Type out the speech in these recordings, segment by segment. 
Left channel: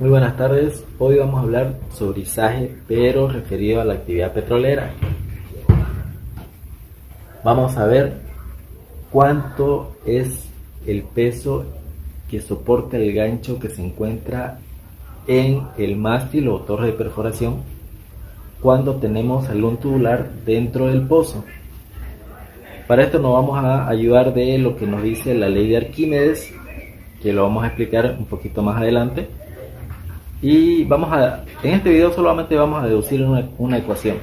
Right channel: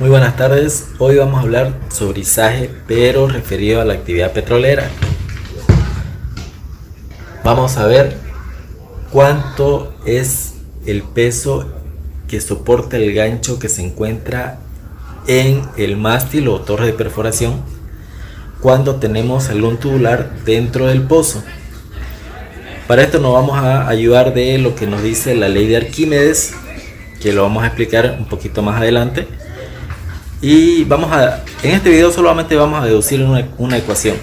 Muy buenas tardes, hoy vamos a hablar sobre izaje pero referido a la actividad petrolera. Vamos a ver cuánto es el peso que soporta el gancho que se encuentra en el mástil o torre de perforación cuando tenemos algún tubular dentro del pozo. Para esto nos vamos a ayudar de lo que nos dice la ley de Arquímedes, que lo vamos a explicar un poquito más adelante. Y en este video solamente vamos a deducir una ecuación.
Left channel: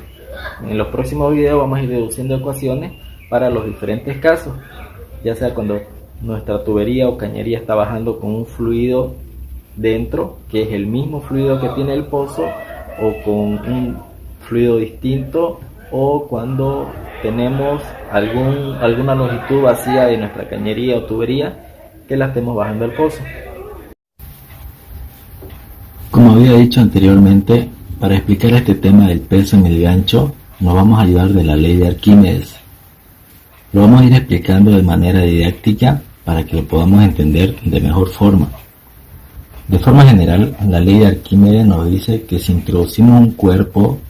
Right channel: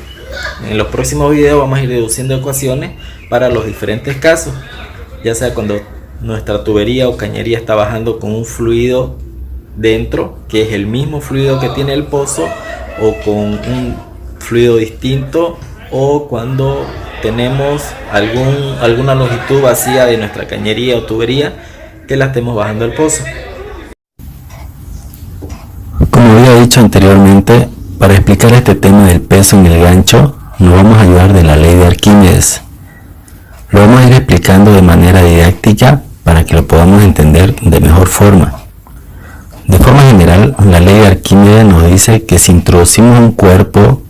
En los próximos videos vamos a ir deduciendo ecuaciones para los diferentes casos, ya sea cuando nuestra tubería o cañería está bajando con un fluido dentro, que es el mismo fluido que tiene el pozo, o con un fluido distinto, o cuando tenemos alguna longitud vacía de nuestra cañería o tubería que la estemos bajando al pozo. Como había dicho anteriormente, para explicar este tema del peso en el gancho, nos vamos a ayudar de la ley de Arquímedes. Lo vamos a ir explicando de manera didáctica para que lo podamos entender de mejor forma. De forma general, la ley de Arquímedes nos dice que si introducimos un cuerpo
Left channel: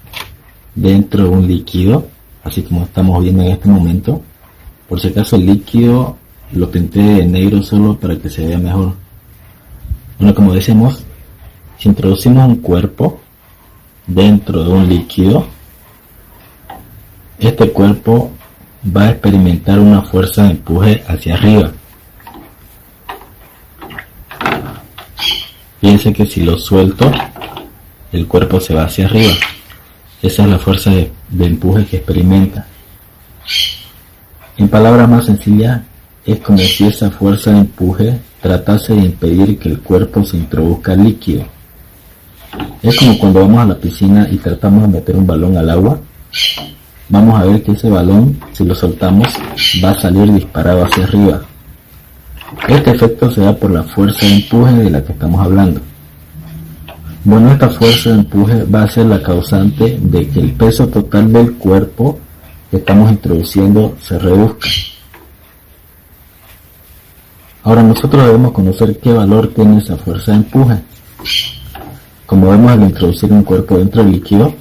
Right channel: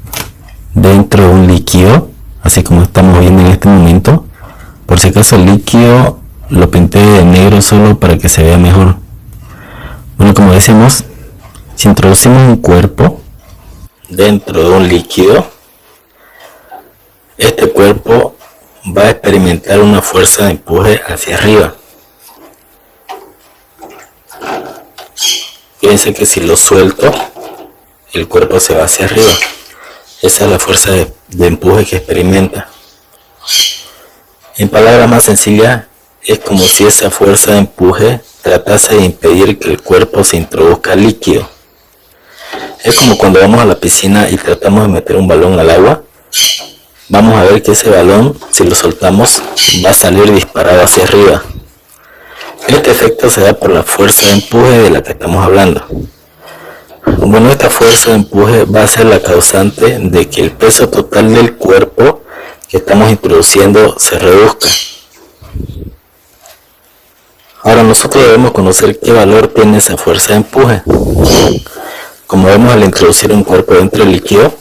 dentro de un líquido, así como estamos viendo en este momento, por si acaso el líquido lo pinté de negro solo para que se vea mejor. Bueno, como decimos, si introducimos un cuerpo dentro de un líquido, este cuerpo va a experimentar una fuerza de empuje hacia arriba. Fíjense que si lo suelto, el cuerpo se va hacia arriba. Esa es la fuerza de empuje que experimenta. En palabras más sencillas, es como si esa fuerza de empuje tratase de impedir que el cuerpo se introduzca líquido. Es como cuando vamos a la piscina y tratamos de meter un balón al agua. Vamos a ver que ese balón, si lo soltamos, va a salir disparado hacia arriba. Este efecto se da por la fuerza de empuje de la que estamos hablando. Bueno, esta fuerza de empuje va a ser la causante de que el peso total del cuerpo que estamos introduciendo se reduzca. Ahora nosotros debemos conocer qué valor tiene esa fuerza de empuje. Como vemos, al introducir un cuerpo dentro del líquido,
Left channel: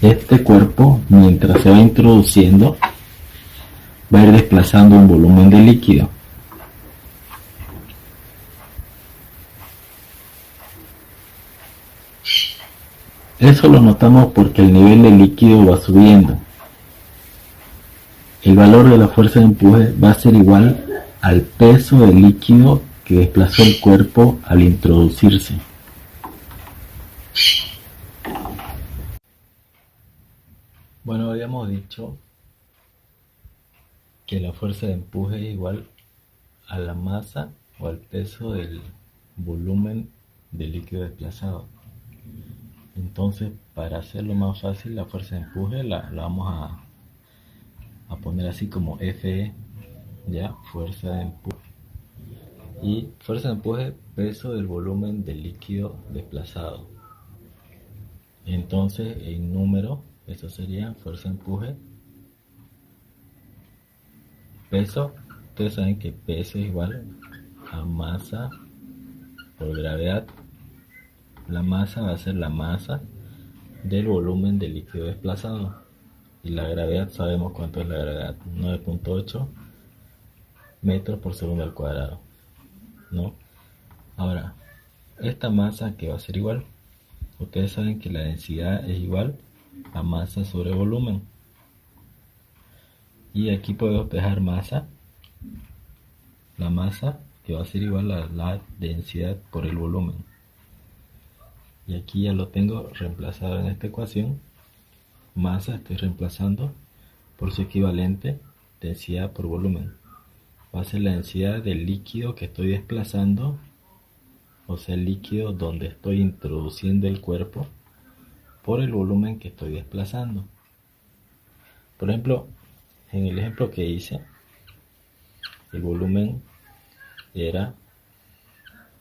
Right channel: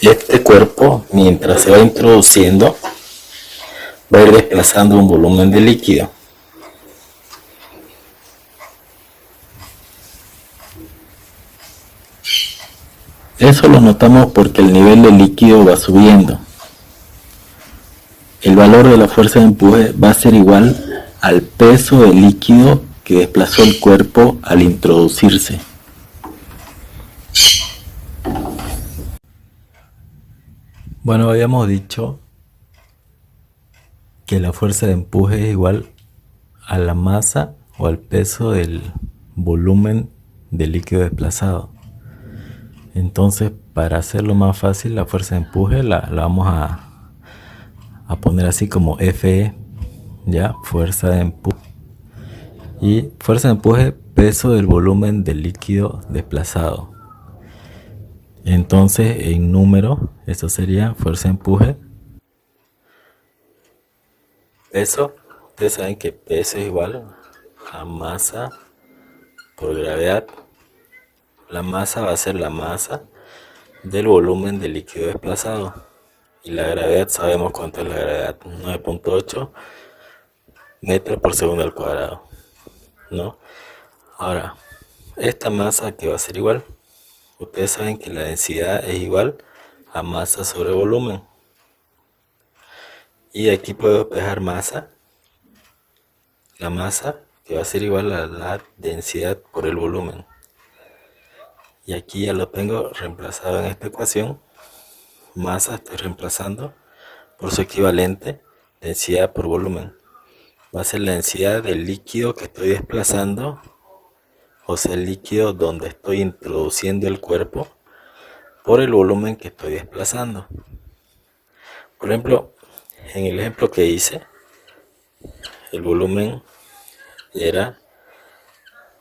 este cuerpo, mientras se va introduciendo, va a ir desplazando un volumen de líquido. Eso lo notamos porque el nivel del líquido va subiendo. El valor de la fuerza de empuje va a ser igual al peso del líquido que desplazó el cuerpo al introducirse. Bueno, habíamos dicho que la fuerza de empuje es igual a la masa o al peso del volumen del líquido desplazado. Entonces, para hacerlo más fácil, la fuerza de empuje la vamos a poner así como Fe, ya, fuerza de empuje. Y fuerza de empuje, peso del volumen del líquido desplazado. Entonces, en número, esto sería fuerza de empuje, peso. Ustedes saben que peso es igual a masa por gravedad. La masa va a ser la masa del volumen del líquido desplazado. Y la gravedad, sabemos cuánto es la gravedad, 9.8 metros por segundo al cuadrado, ¿no? Ahora, esta masa que va a ser igual, ustedes saben que la densidad es igual a masa sobre volumen. Y aquí puedo despejar masa, la masa que va a ser igual a la densidad por el volumen. Y aquí ya lo tengo reemplazado en esta ecuación. Masa estoy reemplazando por su equivalente, densidad por volumen. Va a ser la densidad del líquido que estoy desplazando, o sea, el líquido donde estoy introduciendo el cuerpo, por el volumen que estoy desplazando. Por ejemplo, en el ejemplo que hice, el volumen era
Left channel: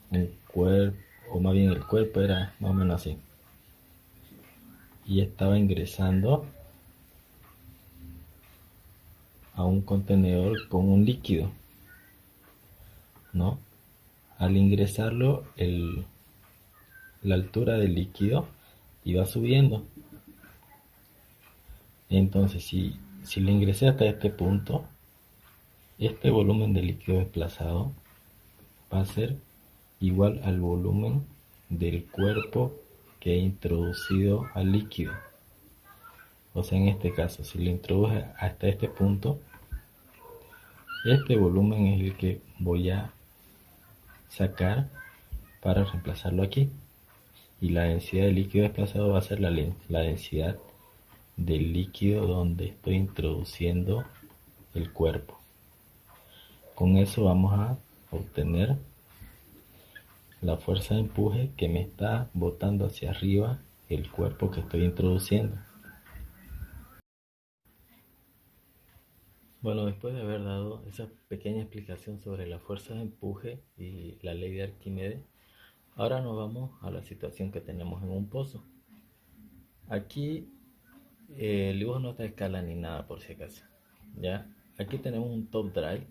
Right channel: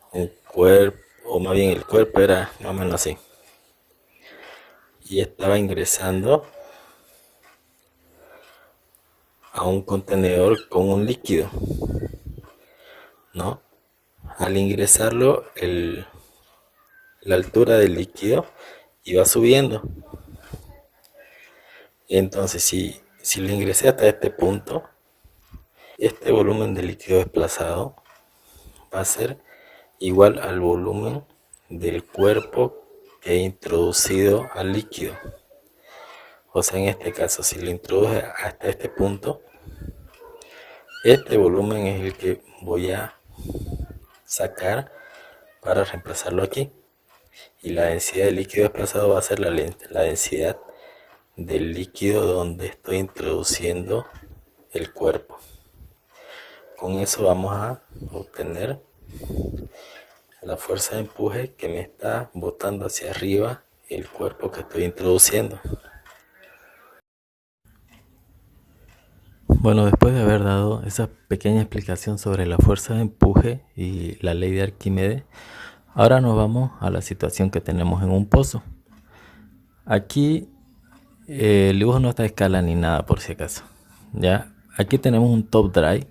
un cuerpo, o más bien el cuerpo era más o menos así. Y estaba ingresando a un contenedor con un líquido, ¿no? Al ingresarlo, el la altura del líquido y va subiendo. Entonces, si lo ingresé hasta este punto, este volumen de líquido desplazado va a ser igual al volumen del cuerpo que he introducido al líquido. O sea, en este caso, si lo introduje hasta este punto, este volumen es el que voy a sacar para reemplazarlo aquí. Y la densidad del líquido desplazado va a ser la densidad del líquido donde estoy introduciendo el cuerpo. Con eso vamos a obtener la fuerza de empuje que me está botando hacia arriba el cuerpo que estoy introduciendo. Bueno, después de haber dado esa pequeña explicación sobre la fuerza de empuje y la ley de Arquímedes, ahora nos vamos a la situación que tenemos en un pozo. Aquí el dibujo no está a escala ni nada por si acaso. ¿Ya? Aquí tenemos un top drive,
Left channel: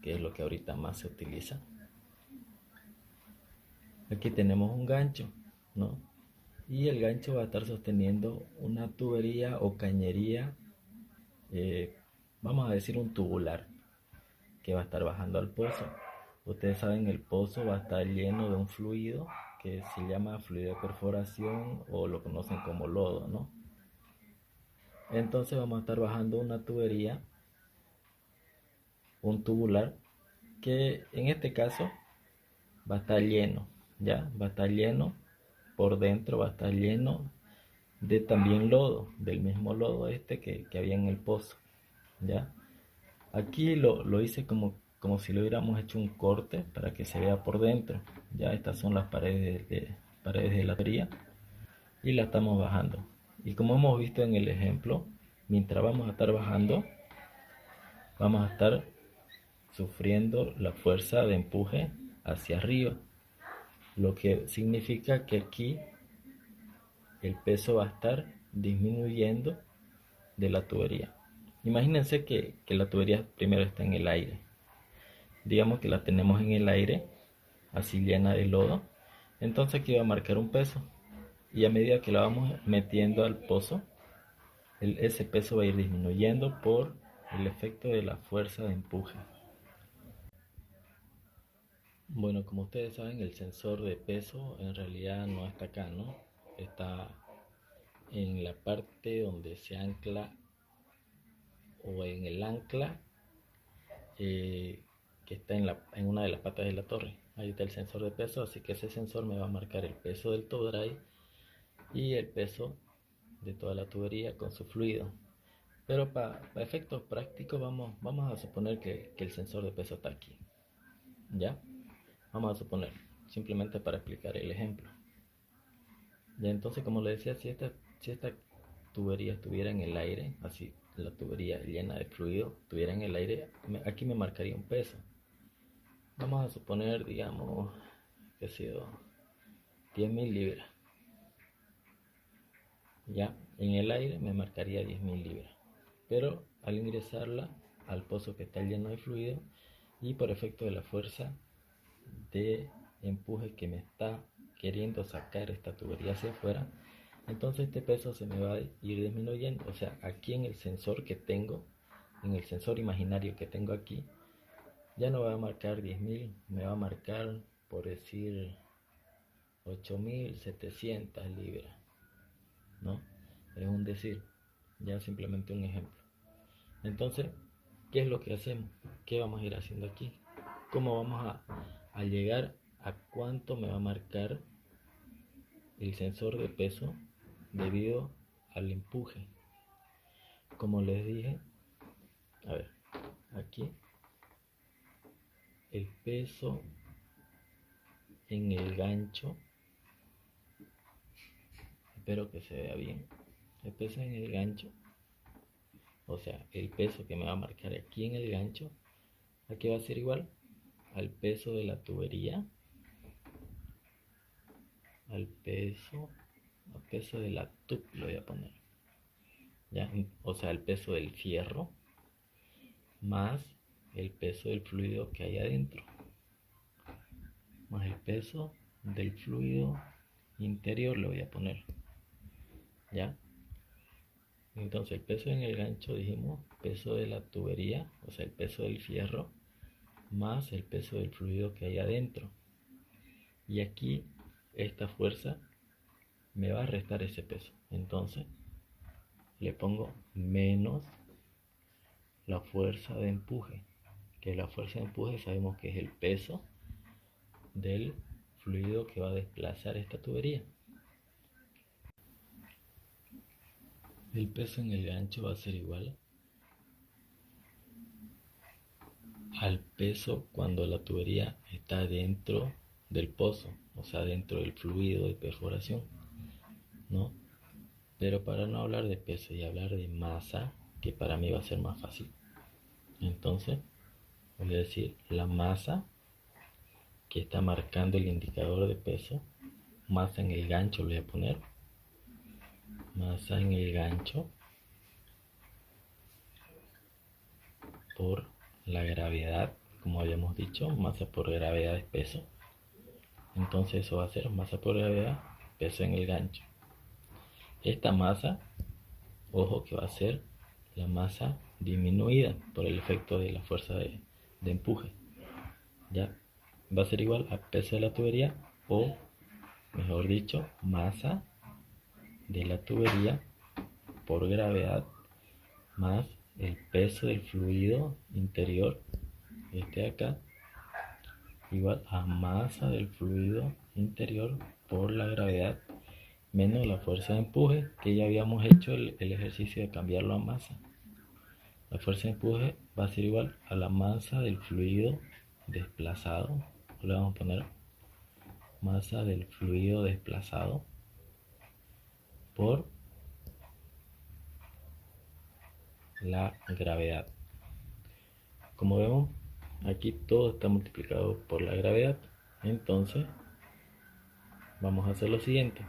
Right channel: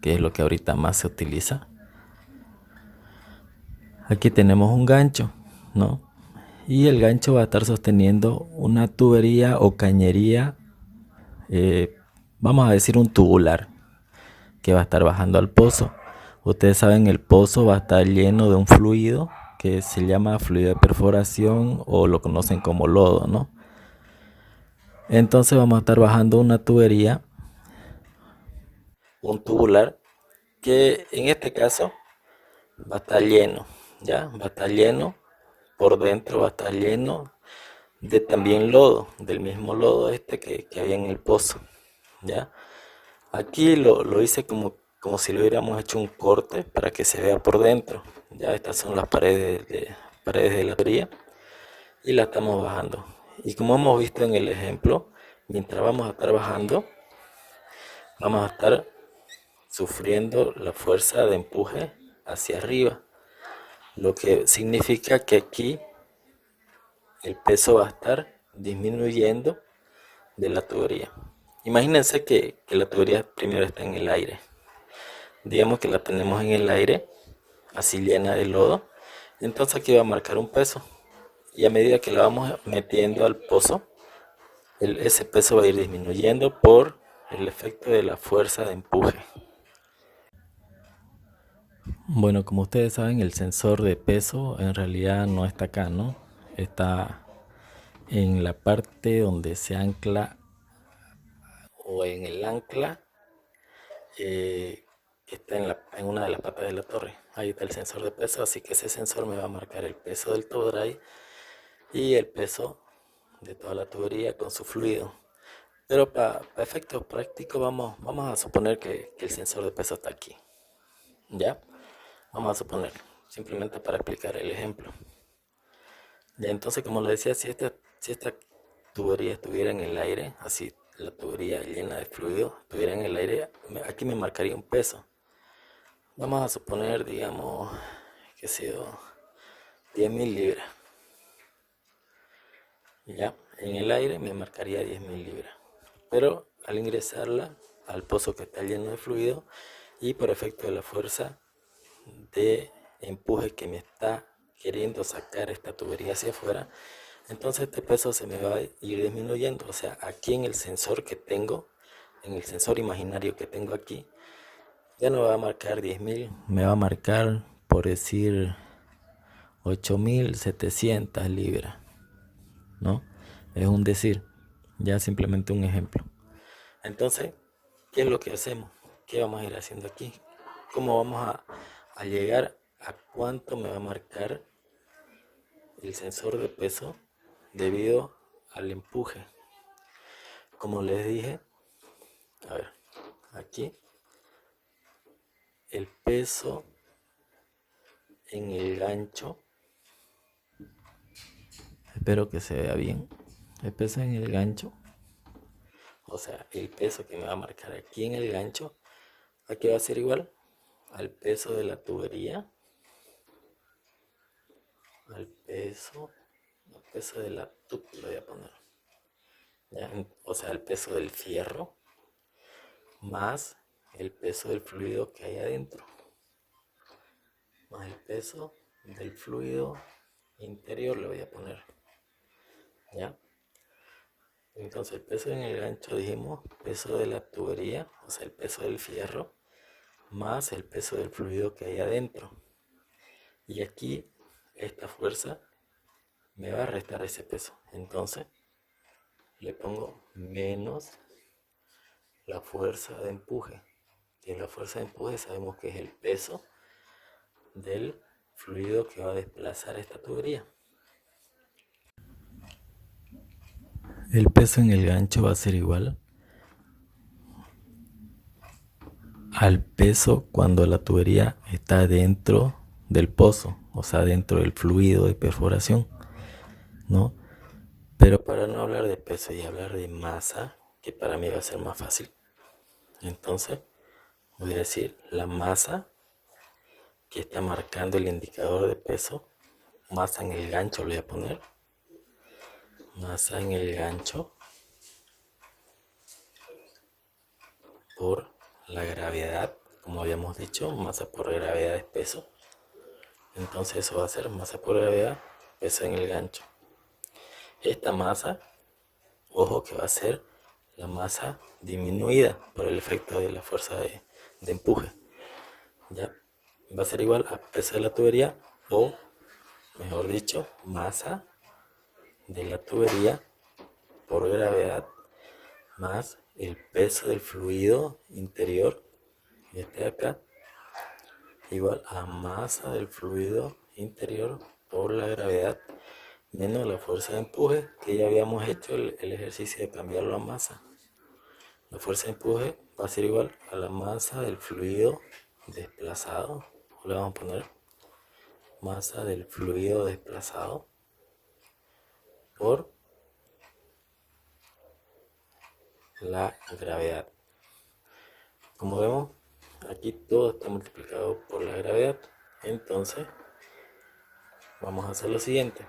que es lo que ahorita más se utiliza. Aquí tenemos un gancho, ¿no? Y el gancho va a estar sosteniendo una tubería o cañería, vamos a decir un tubular, que va a estar bajando al pozo. Ustedes saben, el pozo va a estar lleno de un fluido que se llama fluido de perforación o lo conocen como lodo, ¿no? Entonces vamos a estar bajando una tubería, un tubular, que en este caso va a estar lleno, ¿ya? Va a estar lleno, por dentro va a estar lleno de también lodo, del mismo lodo que había en el pozo, ¿ya? Aquí lo hice como si lo hubiéramos hecho un corte para que se vea por dentro, ¿ya? Estas son las paredes de la tubería y la estamos bajando. Y como hemos visto en el ejemplo, mientras vamos a estar bajando, vamos a estar sufriendo la fuerza de empuje hacia arriba, lo que significa que aquí el peso va a estar disminuyendo de la tubería. Imagínense que la tubería primero está en el aire. Digamos que la tenemos en el aire, así llena de lodo. Entonces aquí va a marcar un peso. Y a medida que la vamos metiendo al pozo, ese peso va a ir disminuyendo por el efecto de la fuerza de empuje. Bueno, como ustedes saben, el sensor de peso en realidad no está acá, ¿no? Está en la parte donde se ancla o en el ancla que está en una de las patas de la torre. Ahí está el sensor de peso, así que ese sensor me va a marcar el peso del top drive y el peso de toda la tubería con su fluido. Pero para efectos prácticos vamos a suponer que el sensor de peso está aquí. ¿Ya? Vamos a suponer, simplemente para explicar el ejemplo. Ya, entonces, como les decía, si esta tubería estuviera en el aire, así la tubería llena de fluido estuviera en el aire, aquí me marcaría un peso. Vamos a suponer, digamos, que ha sido 10.000 libras. Ya, en el aire me marcaría 10.000 libras. Pero al ingresarla al pozo que está lleno de fluido y por efecto de la fuerza de empuje que me está queriendo sacar esta tubería hacia afuera, entonces este peso se me va a ir disminuyendo. O sea, aquí en el sensor que tengo, en el sensor imaginario que tengo aquí, ya no va a marcar 10.000, me va a marcar, por decir, 8.700 libras, ¿no? Es un decir, ya simplemente un ejemplo. Entonces, ¿qué es lo que hacemos? ¿Qué vamos a ir haciendo aquí? ¿Cómo vamos a llegar a cuánto me va a marcar el sensor de peso debido al empuje? Como les dije, a ver, aquí el peso en el gancho, espero que se vea bien, el peso en el gancho, o sea, el peso que me va a marcar aquí en el gancho, aquí va a ser igual al peso de la tubería, al peso de la tub, lo voy a poner, ¿ya? O sea, el peso del fierro más el peso del fluido que hay adentro, más el peso del fluido interior le voy a poner, ¿ya? Entonces el peso en el gancho, dijimos, peso de la tubería, o sea, el peso del fierro, más el peso del fluido que hay adentro. Y aquí esta fuerza me va a restar ese peso. Entonces le pongo menos la fuerza de empuje. Que la fuerza de empuje sabemos que es el peso del fluido que va a desplazar esta tubería. El peso en el gancho va a ser igual al peso cuando la tubería está dentro del pozo, o sea, dentro del fluido de perforación, ¿no? Pero para no hablar de peso y hablar de masa, que para mí va a ser más fácil, entonces voy a decir la masa que está marcando el indicador de peso, masa en el gancho le voy a poner, masa en el gancho por la gravedad, como habíamos dicho, masa por gravedad es peso. Entonces eso va a ser masa por gravedad, peso en el gancho. Esta masa, ojo que va a ser la masa disminuida por el efecto de la fuerza de empuje. Ya va a ser igual a peso de la tubería, o mejor dicho, masa de la tubería por gravedad más el peso del fluido interior, y este de acá, igual a masa del fluido interior por la gravedad menos la fuerza de empuje, que ya habíamos hecho el ejercicio de cambiarlo a masa. La fuerza de empuje va a ser igual a la masa del fluido desplazado, o le vamos a poner masa del fluido desplazado por la gravedad. Como vemos, aquí todo está multiplicado por la gravedad. Entonces vamos a hacer lo siguiente.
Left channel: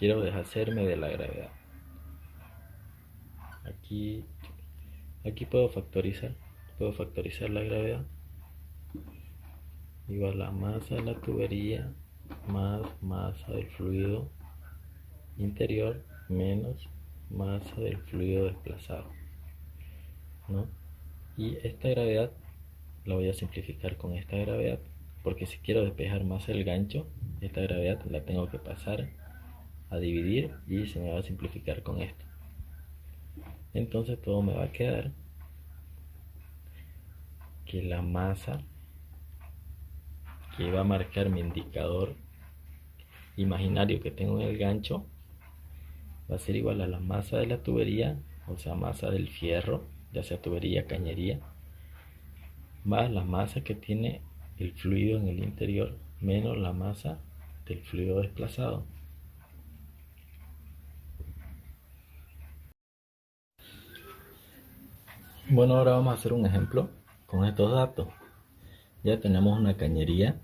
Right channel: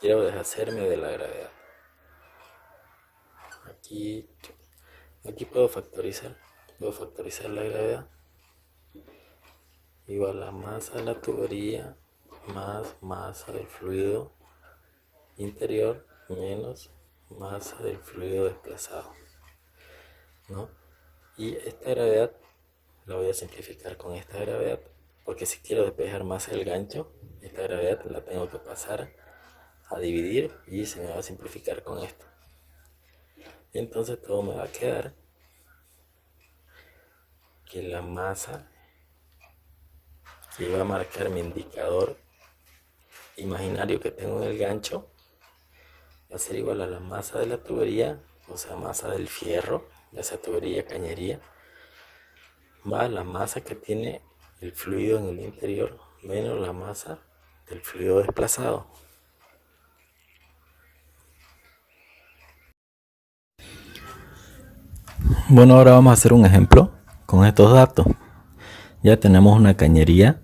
Quiero deshacerme de la gravedad. Aquí puedo factorizar la gravedad, igual a masa de la tubería más masa del fluido interior menos masa del fluido desplazado, ¿no? Y esta gravedad la voy a simplificar con esta gravedad, porque si quiero despejar masa del gancho, esta gravedad la tengo que pasar a dividir y se me va a simplificar con esto. Entonces todo me va a quedar que la masa que va a marcar mi indicador imaginario que tengo en el gancho va a ser igual a la masa de la tubería, o sea, masa del fierro, ya sea tubería, cañería, más la masa que tiene el fluido en el interior, menos la masa del fluido desplazado. Bueno, ahora vamos a hacer un ejemplo con estos datos. Ya tenemos una cañería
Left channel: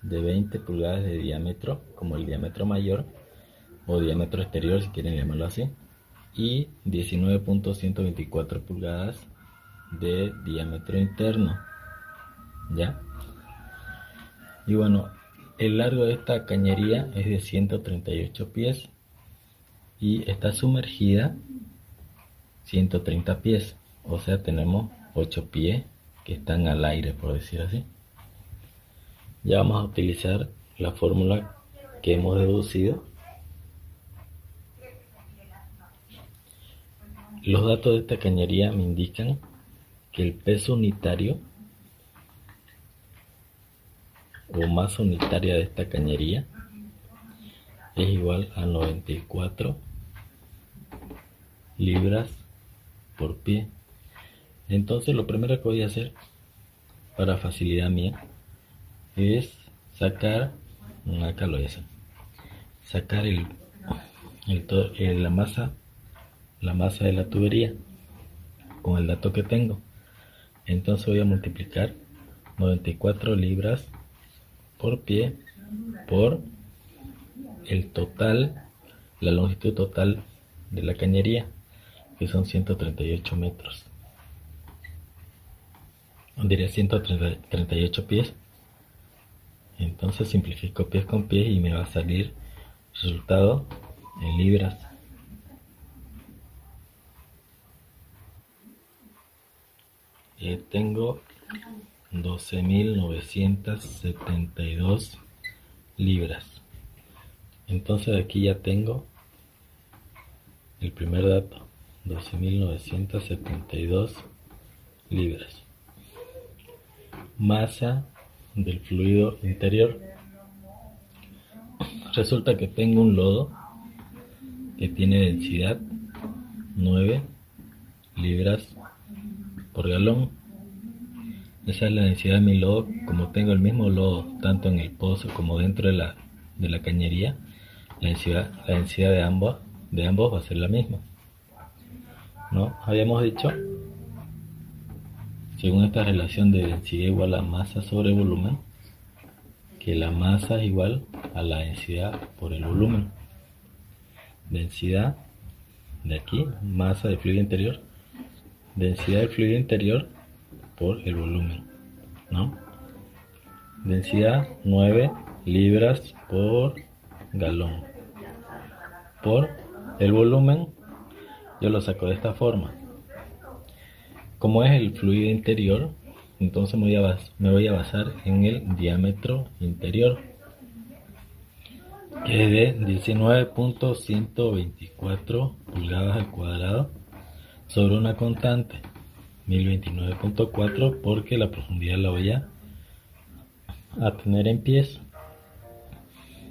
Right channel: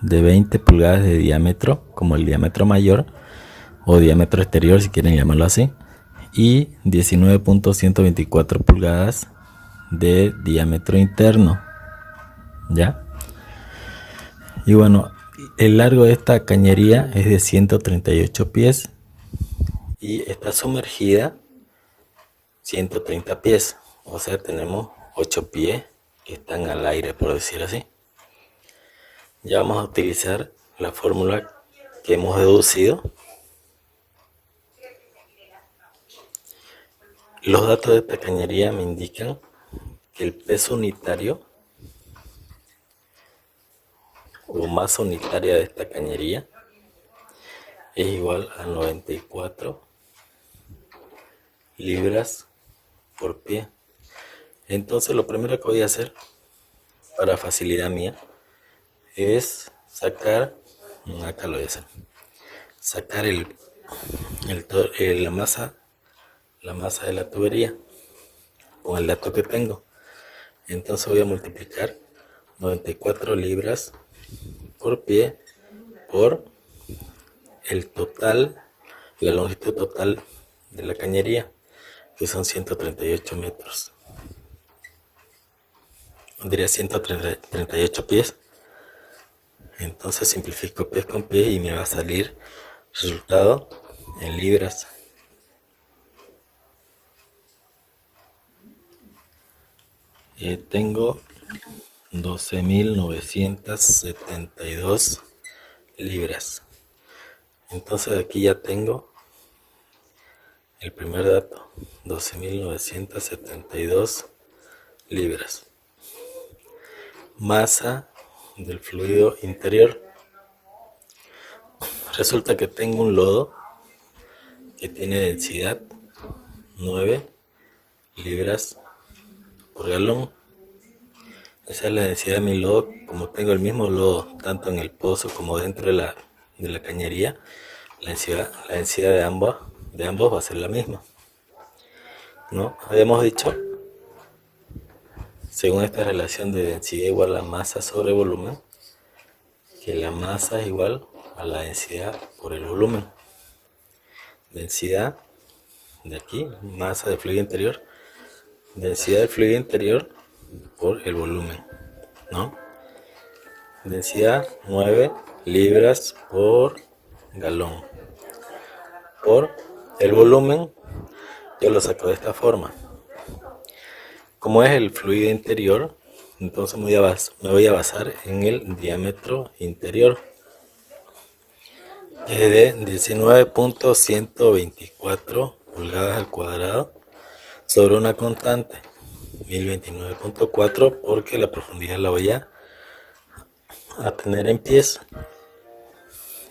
de 20 pulgadas de diámetro, como el diámetro mayor, o diámetro exterior si quieren llamarlo así, y 19.124 pulgadas de diámetro interno, ¿ya? Y bueno, el largo de esta cañería es de 138 pies y está sumergida 130 pies, o sea, tenemos 8 pies que están al aire, por decir así. Ya vamos a utilizar la fórmula que hemos deducido. Los datos de esta cañería me indican que el peso unitario o masa unitaria de esta cañería es igual a 94 libras por pie. Entonces lo primero que voy a hacer para facilidad mía es sacar, acá lo voy a hacer, sacar la masa de la tubería con el dato que tengo. Entonces voy a multiplicar 94 libras por pie por el total, la longitud total de la cañería, que son 138 metros. Diría 138 pies. Entonces simplifico pies con pies y me va a salir resultado en libras. Tengo 12.972 libras. Entonces aquí ya tengo el primer dato, 12.972 libras. Masa del fluido interior. Resulta que tengo un lodo que tiene densidad 9 libras por galón. Esa es la densidad de mi lodo. Como tengo el mismo lodo tanto en el pozo como dentro de la cañería, la densidad de ambos va a ser la misma, ¿no? Habíamos dicho, según esta relación de densidad igual a masa sobre volumen, que la masa es igual a la densidad por el volumen. Densidad de aquí, masa del fluido interior, densidad del fluido interior por el volumen, ¿no? Densidad 9 libras por galón. Por el volumen, yo lo saco de esta forma. Como es el fluido interior, entonces me voy a basar en el diámetro interior, que es de 19.124 pulgadas al cuadrado sobre una constante 1029.4, porque la profundidad la voy a tener en pies.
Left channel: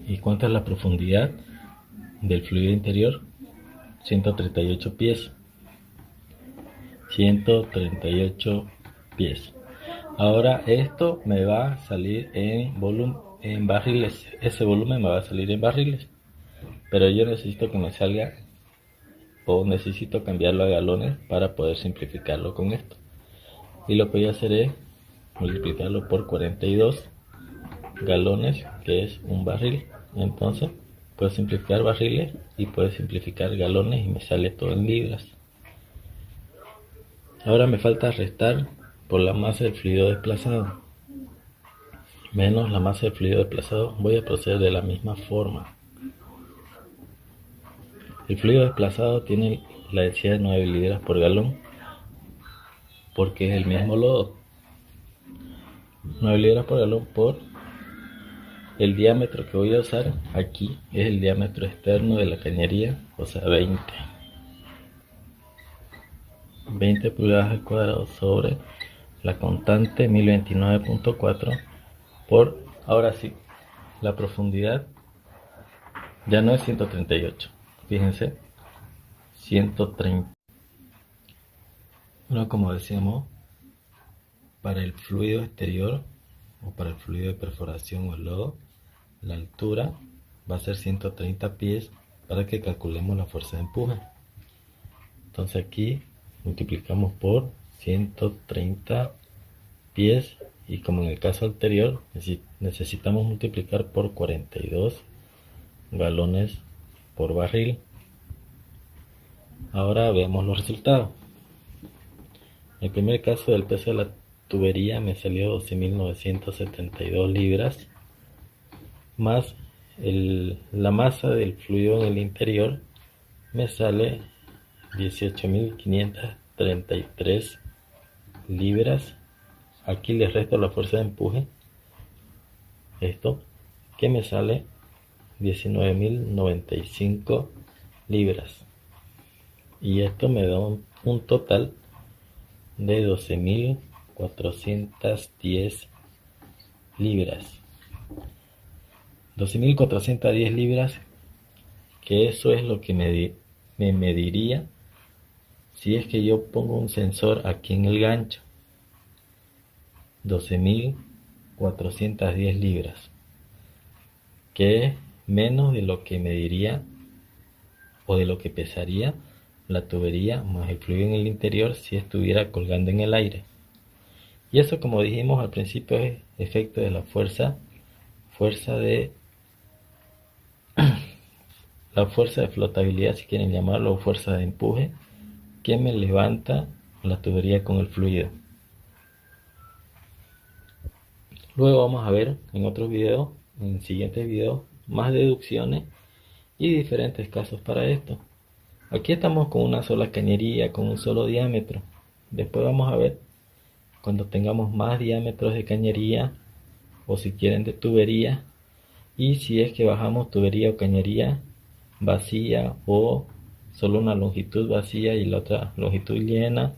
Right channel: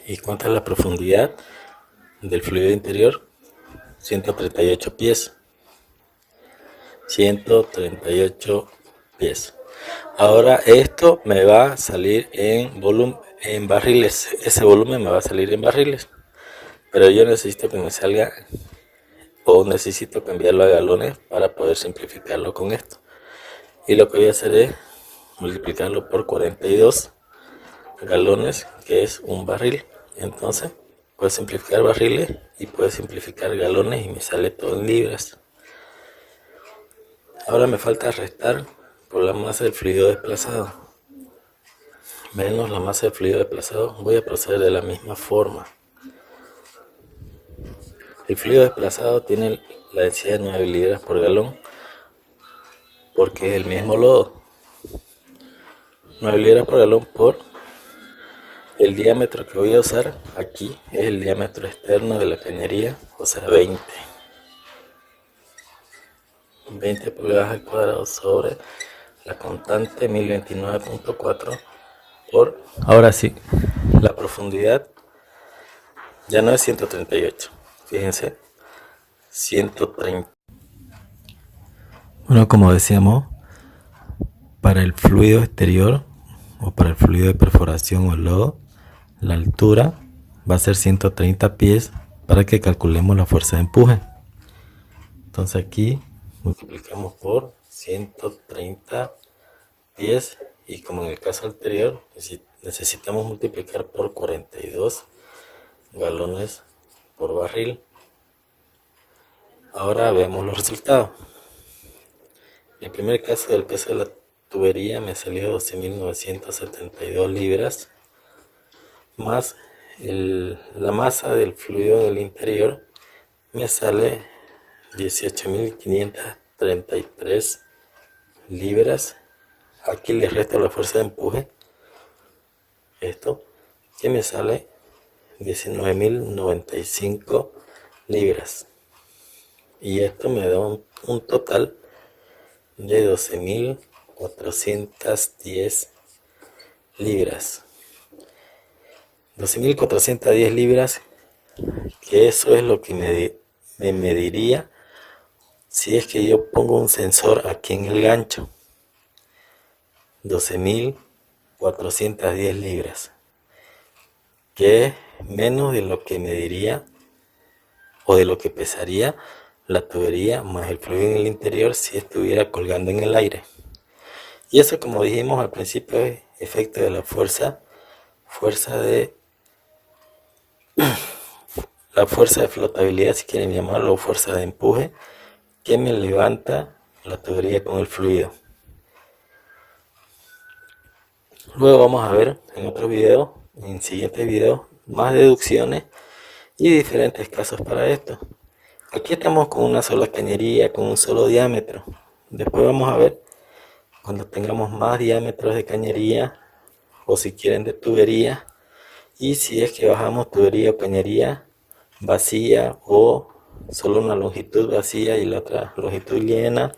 ¿Y cuánta es la profundidad del fluido interior? 138 pies. 138 pies. Ahora esto me va a salir en barriles. Ese volumen me va a salir en barriles. Pero yo necesito que me salga, o necesito cambiarlo a galones para poder simplificarlo con esto. Y lo que voy a hacer es multiplicarlo por 42 galones, que es un barril. Entonces puedo simplificar barriles y puedo simplificar galones y me sale todo en libras. Ahora me falta restar por la masa del fluido desplazado menos la masa del fluido desplazado. Voy a proceder de la misma forma. El fluido desplazado tiene la densidad de 9 libras por galón porque es el mismo lodo. 9 libras por galón por el diámetro que voy a usar aquí es el diámetro externo de la cañería, o sea 20 pulgadas al cuadrado sobre la constante 1029.4 por, ahora sí, la profundidad ya no es 138, fíjense, 130. Bueno, como decíamos, para el fluido exterior o para el fluido de perforación o el lodo, la altura va a ser 130 pies para que calculemos la fuerza de empuje. Entonces aquí multiplicamos por 130 pies y como en el caso anterior necesitamos multiplicar por 42 galones por barril. Ahora veamos los resultados. En el primer caso, del peso de la tubería me salió 12.972 libras más la masa del fluido en el interior me sale 18.533 libras. Aquí les resto la fuerza de empuje, esto que me sale 19.095 libras, y esto me da un total de 12.410 libras. 12.410 libras, que eso es lo que me mediría si es que yo pongo un sensor aquí en el gancho. 12.410 libras, que es menos de lo que mediría o de lo que pesaría la tubería más el fluido en el interior si estuviera colgando en el aire. Y eso, como dijimos al principio, es efecto de la fuerza de flotabilidad, si quieren llamarlo, o fuerza de empuje, que me levanta la tubería con el fluido. Luego vamos a ver en otro video, en siguientes videos, más deducciones y diferentes casos para esto. Aquí estamos con una sola cañería, con un solo diámetro. Después vamos a ver cuando tengamos más diámetros de cañería, o si quieren de tubería, y si es que bajamos tubería o cañería vacía, o solo una longitud vacía y la otra longitud llena,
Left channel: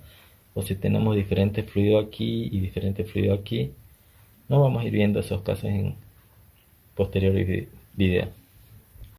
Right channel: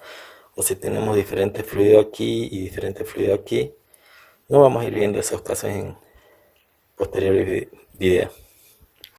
o si tenemos diferente fluido aquí y diferente fluido aquí. No vamos a ir viendo esos casos en posteriores videos.